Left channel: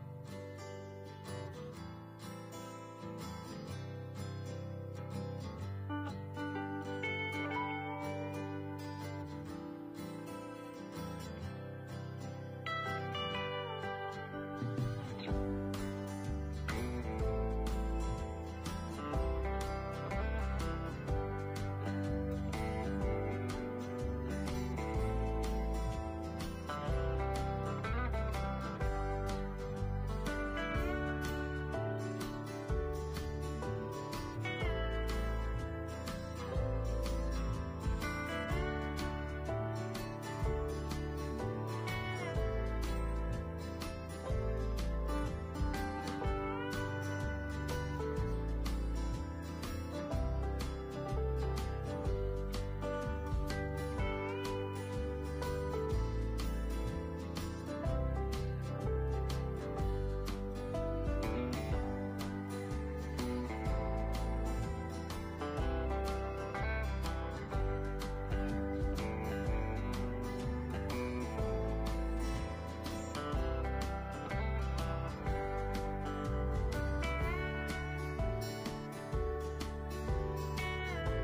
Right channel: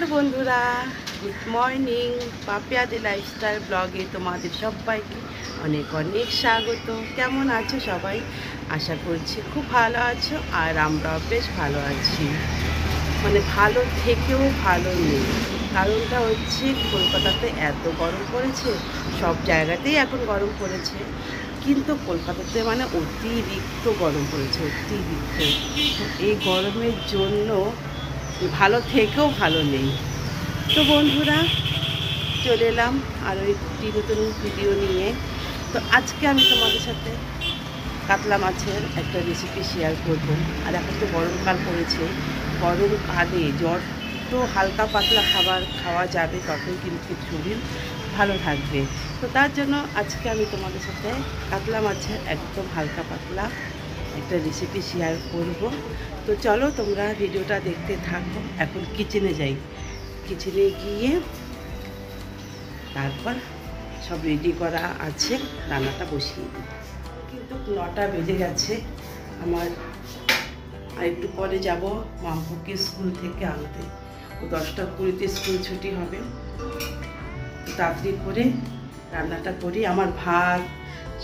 Hello বন্ধুরা, good morning. পাপিয়াদি lifestyle ব্লগে তোমাদের সবাইকে অনেক অনেক স্বাগত। কেমন আছো সবাই? আশা করছি খুব ভালো আছো, আর আমরাও বেশ ভালো আছি। মানে ভালো থেকেও ভালো নেই। কারণটা হচ্ছে কলকাতাতে এত গরম পড়েছে, সব জায়গাতেই এখন গরম পড়েছে, কিন্তু কলকাতাতে মানে অতিরিক্ত গরম পড়েছে, অতিরিক্ত। এই গরমের জন্য ভালো থেকেও ভালো নেই। তো বন্ধুরা, চলে এলাম আরও একটি নতুন ভিডিও নিয়ে। তো আজকে আমি তোমাদের সাথে কাতলা মাছের একটা রেসিপি শেয়ার করব। আর এখন তো গরমকাল পড়েছে, গরমকালে যত হালকা পাতলা খাবার খাওয়া যাবে ততই কিন্তু শরীর ভালো থাকবে। তো তার জন্য আজকে আমি তোমাদের সাথে কাতলা মাছের একদম হালকা পাতলা একটা রেসিপি শেয়ার করব। তো চলো তোমরা ভিডিওটা দেখতে থাকো। এখন কিচেনে যাই, কিচেনে গিয়ে তারপর সব রেডি করা আছে, রান্নাটা বসিয়ে দিই। কিন্তু 9টা বেজে গেছে আমার, আর একটু পরে যাব মামপুকে স্কুল থেকে আনতে। 10টা 20-তে স্কুল ছুটি হবে। তাড়াতাড়ি করে রান্নাটা করি। আমার ভাত,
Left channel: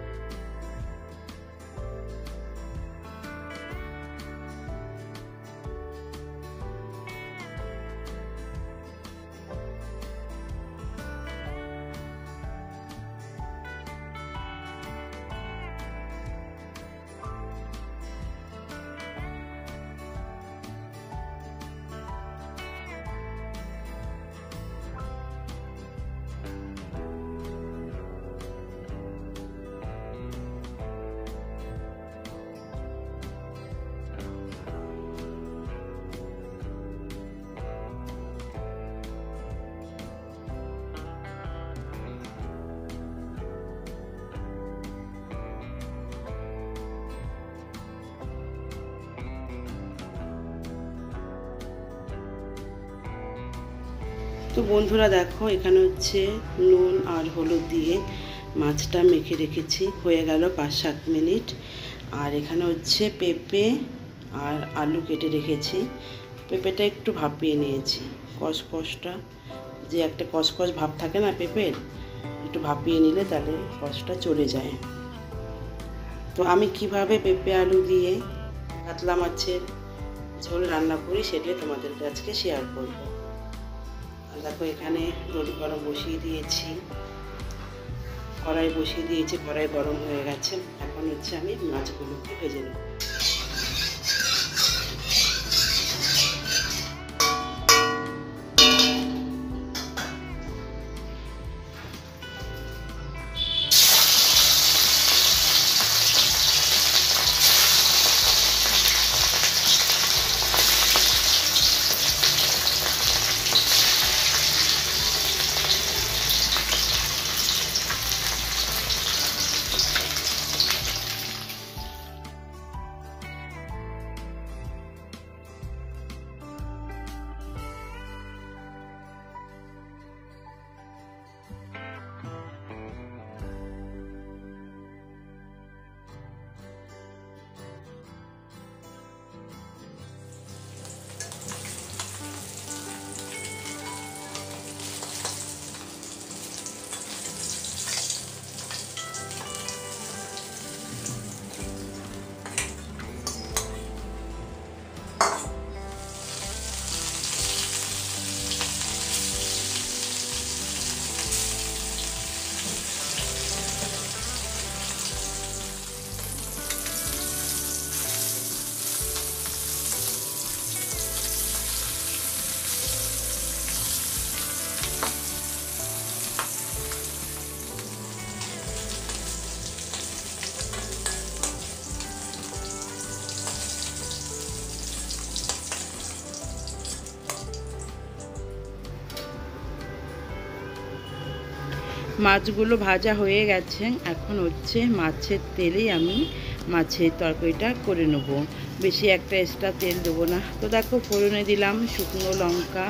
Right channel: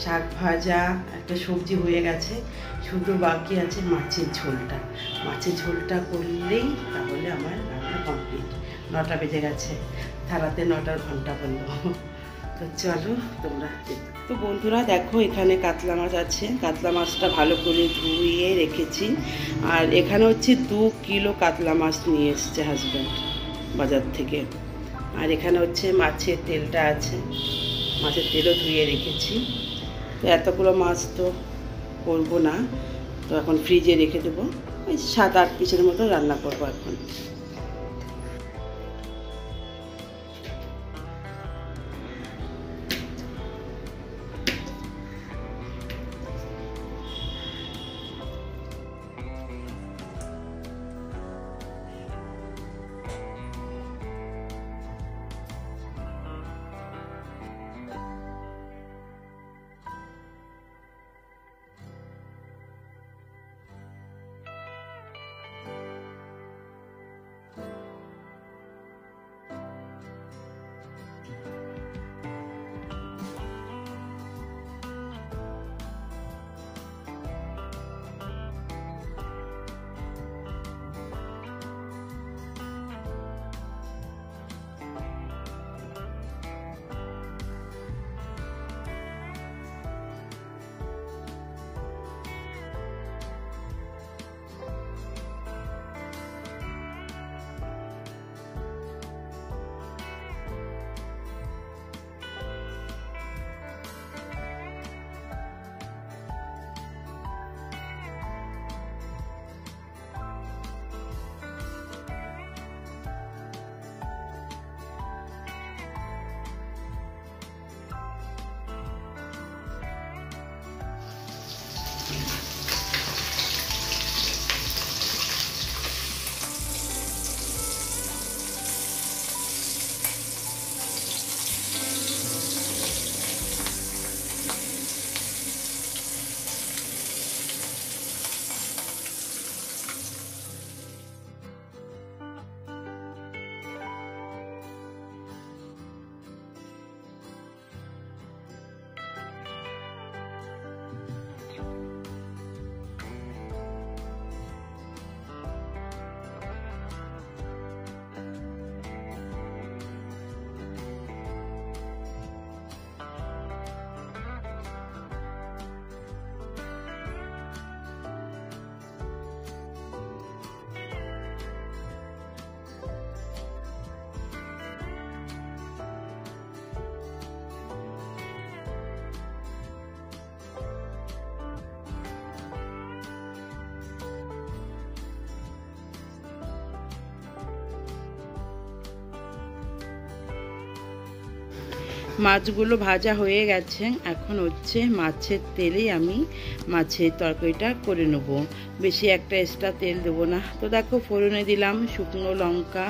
শাক ভাজা, একটা সবজি হয়ে গেছে, শুধু বাকি আছে মাছের ঝোলটা। মাছের ঝোলটা করলেই তাহলে আমার রান্না কমপ্লিট। 9টা বেজে গেছে, থালাতে 9টার ঘন্টা বলবো। তো চলো তোমরা। তো বন্ধুরা দেখো, এখানে কাতলা মাছ আছে। কাতলা মাছটা ভালো করে ধুয়ে রেখেছি। আর এখানে হচ্ছে 2 কিলো কাতলা মাছ নিয়ে এসছে হাজব্যান্ড বাজার থেকে। আর এখানে হচ্ছে মাছের তেলটা আছে, মাছের তেলও ধুয়ে রেখেছি। তো এতগুলো মাছ তো করবো না, তো এখন ফ্রিজে রেখে দেবো। 7-8 পিসের মতো রান্না করবো এখন। তো বন্ধুরা দেখো, এখানে হচ্ছে নুন আর হলুদ দিয়ে মাছটা মেখে রেখেছি, হয়ে গেল 5-7 মিনিট। আর এখানে হচ্ছে পেঁপে আর আলু কেটে রেখেছি। পেঁপেটা একটু ভাপিয়ে নিয়েছি, কষকষটা যে একটা কষকষ ভাব থাকে না পেঁপের, একটু ভাপিয়ে নিলে তাহলে কষটা চলে যায়। তো আমি কিভাবে পেঁপে আলু দিয়ে কাতলা মাছের ঝোল রান্না করি সেটাই তোমাদেরকে আজকে শেয়ার করবো। দেখো, এখানে তেল গরম বসিয়ে দিয়েছি, কড়াই বসিয়ে দিয়েছি, কড়াই গরম হয়ে গেছে। এখন হচ্ছে আমি মাছগুলোকে ভেজে নেব। মাছগুলো ভাজা হয়ে গেছে, এখন হচ্ছে মাছের তেলেই আমি মাছের তরকারিটা করে নেব। বেশি একটা এক্সট্রা তেল দেবো না। তো দেখো, ফোড়নে দিলাম শুকনো লঙ্কা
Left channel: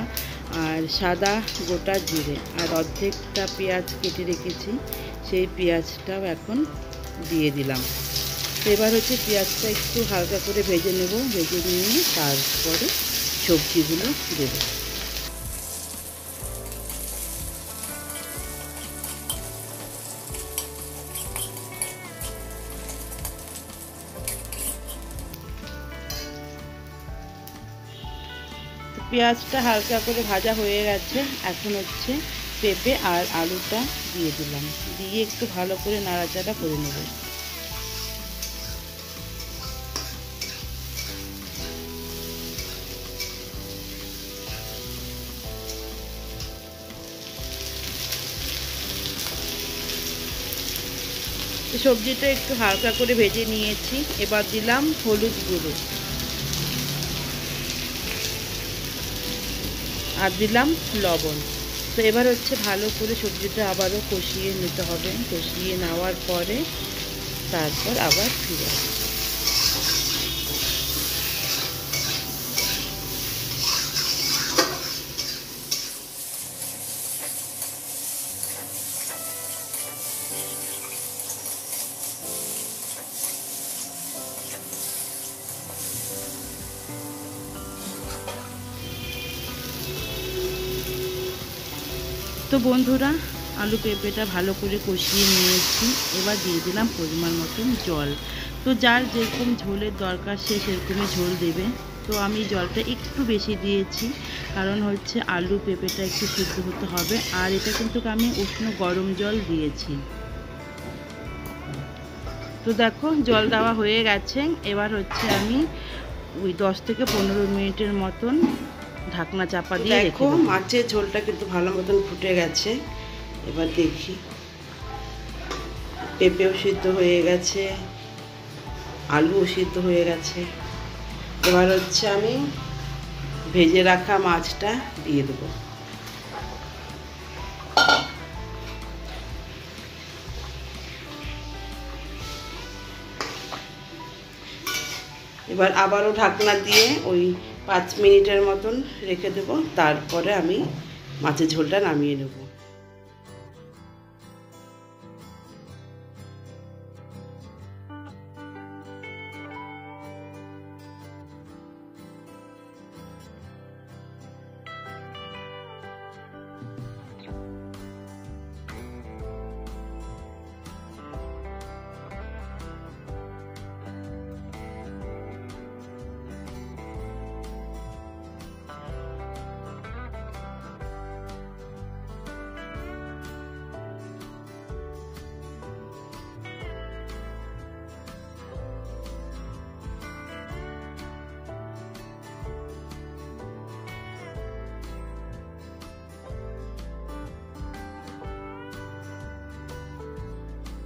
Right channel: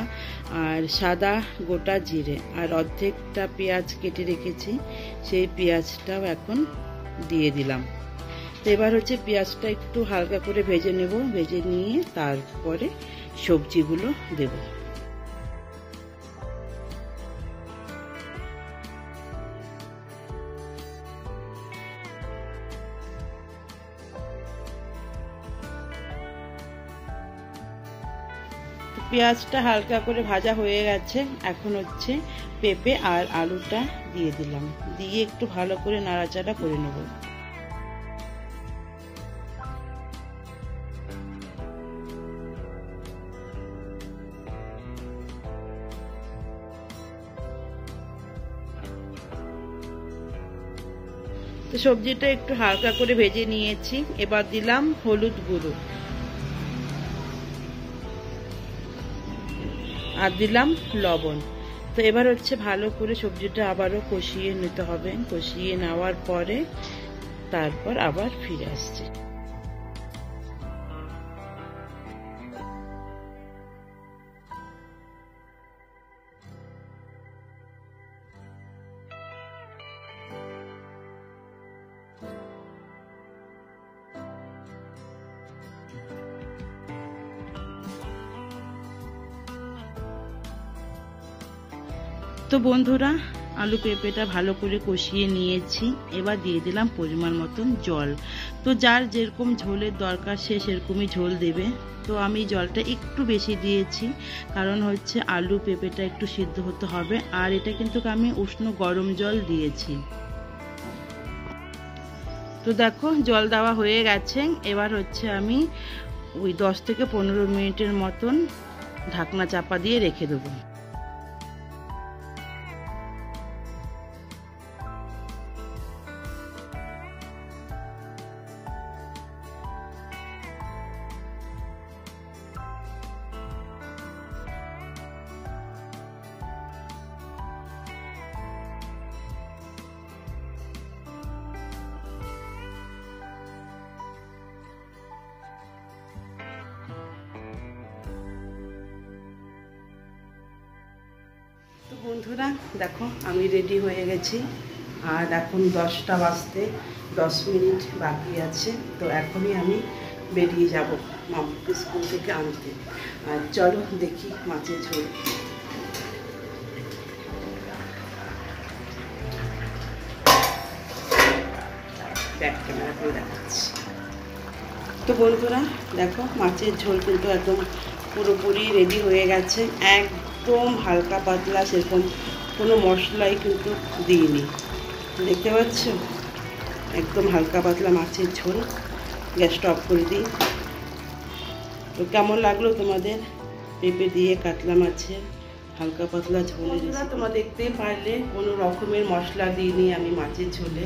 আর সাদা গোটা জিরে, আর অর্ধেকটা পেঁয়াজ কেটে রেখেছি, সেই পেঁয়াজটাও এখন দিয়ে দিলাম। তো এবার হচ্ছে পেঁয়াজটা একটু হালকা করে ভেজে নেব, ভেজে নিয়ে তারপরে সবজিগুলো দেব। পেঁয়াজটা হালকা করে ভাজা হয়ে গেছে। এখন হচ্ছে পেঁপে আর আলুটা দিয়ে দিলাম, দিয়ে একটু ভালো করে নাড়াচাড়া করে নেব। তো সবজিটা একটু হালকা করে ভেজে নিয়েছি। এবার দিলাম হলুদ গুঁড়ো আর দিলাম লবণ। তো এবার হচ্ছে ভালো করে সবজিটা আবারও কষিয়ে নিতে হবে। কষিয়ে নেওয়ার পরে তারপর আবার ফিরে আসবে। তো বন্ধুরা, আলু পেঁপেটা ভালো করে কষিয়ে নিয়েছি। এবার দিয়ে দিলাম পরিমাণ মতন জল। তো যার যেরকম ঝোলের দরকার সে সেরকমই ঝোল দেবে। তো আমি জলটা একটু বেশি দিয়েছি, কারণ হচ্ছে আলু পেঁপেটা একটু সিদ্ধ হতে হবে। আর এটা কিন্তু আমি উষ্ণ গরম জল দিয়েছি। তো দেখো জল দেওয়া হয়ে গেছে। এবার হচ্ছে আমি ওই 10 থেকে 15 মিনিটের মতন ঢাকনা চাপা দিয়ে রেখে দেবো। মাছের ঝোলটা কিন্তু ভালো মতন ফুটে গেছে। এবার দেখি পেঁপেও সিদ্ধ হয়ে গেছে, আলুও সিদ্ধ হয়ে গেছে। এবার হচ্ছে আমি ভেজে রাখা মাছটা দিয়ে দেবো। এবার আবারও ঢাকনা দিয়ে ওই 5 মিনিটের মতন রেখে দেবো। তারপরে আমি মাছের ঝোলটা নামিয়ে নেব। দেখো আমি রেডি হয়ে গেছি। আর এখন 10টা বাজতে 10 মিনিট বাকি আছে। তো এখনই আমি বেরিয়ে যাব মামুকে স্কুল থেকে আনতে। আর চলো দেখি মাছের ঝোল। ব্যাক ক্যামেরা করে দেখাচ্ছি। তো বন্ধুরা দেখো মাছের ঝোল কিন্তু একদম পুরোপুরি রেডি হয়ে গেছে। একদম হালকা পাতলা, সেরকম কোনো মশলাই কিন্তু দিইনি। দেখতে পাচ্ছ একদম হালকা পাতলা মাছের ঝোল। গ্যাসটা অফ করে দিই। তো কেমন লাগলো তোমাদের পেঁপে দিয়ে কাতলা মাছের হালকা পাতলা ঝোল? তোমরা দেখতে পারলে কোনো রকমের মশলা দিইনি আমি মাছের ঝোলে।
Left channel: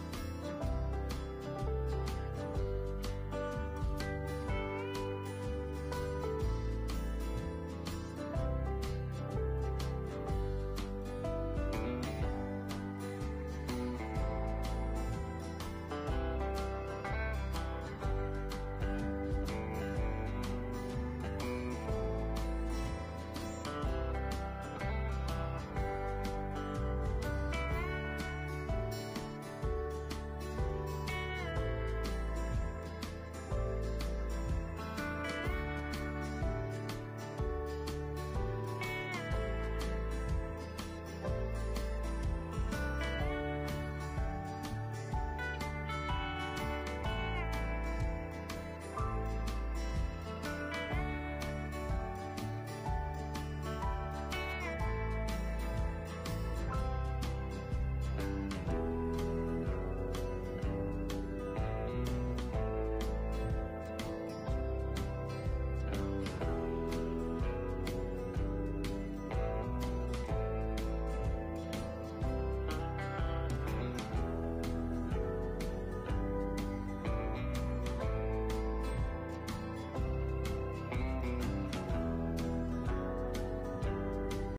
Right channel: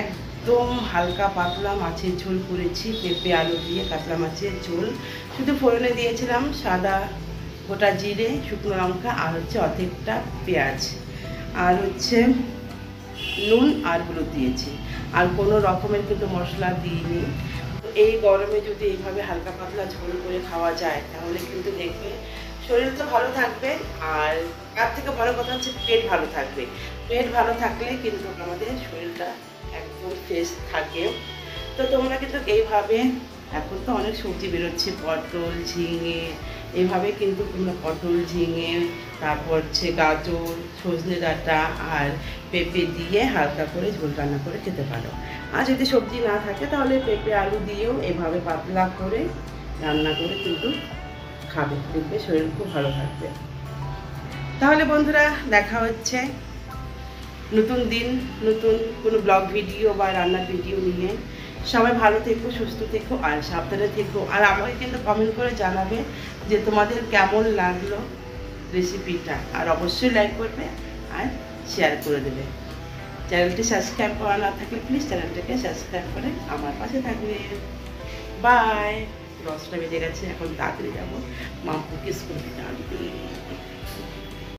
একদম হালকা পাতলা মাছের ঝোল করেছি, পেঁপে আলু দিয়ে কাতলা মাছের ঝোল। শুধু ফোড়নে দিয়েছিলাম সাদা গোটা জিরে, শুকনো লঙ্কা আর হচ্ছে অর্ধেকটা পেঁয়াজ, আর হচ্ছে নুন আর হলুদ দিয়েছি। আর কোনো রকমের কিন্তু মশলা দিইনি। এই গরমে যদি এইভাবে হালকা পাতলা ঝোল করে খাওয়া যায় তাহলে কিন্তু দেখবে শরীর তো ভালো থাকবে, আর তার থেকে বড় কথা হচ্ছে পেট ভালো থাকবে। পেট ভালো থাকলে কিন্তু আমাদের শরীরটা একদম ফ্রেশ থাকে। তো তোমরা কিন্তু এইভাবে, এখন তো অনেক সবজি বেরোচ্ছে, পটল ঝিঙে, এইভাবে কিন্তু তোমরা পটল ঝিঙে, তারপর হচ্ছে গাজর, সজনে ডাঁটা আর পেঁপে দিয়ে হালকা করে ঝোল রান্না করে খেতে পারো। আর যদি সবজি না থাকে তাহলে পেঁপে আলু দিয়েও এভাবে পাতলা করে রান্না করে কিন্তু খাবে, দেখবে শরীর খুব ভালো থাকবে। তাহলে বন্ধুরা দেখা হচ্ছে নতুন দিন নতুন কোনো ব্লগ ভিডিও বা রান্নার ভিডিও নিয়ে। সবাই ভালো থেকো, সুস্থ থেকো আর সাবধানে থেকো। আর আমাকে কিন্তু কমেন্ট করে জানাবে যে তোমাদের কেমন লাগলো রেসিপিটা। আর অবশ্যই লাইক করবে আর শেয়ার করে দেবে। চ্যানেলটি সাবস্ক্রাইব করা না থাকলে প্লিজ চ্যানেলটাকে সাবস্ক্রাইব করে আমার পাশে থাকবে। বাই। 10টা বেজে গেছে, এখন তাড়াতাড়ি যাবো মামুকে স্কুল থেকে আনতে।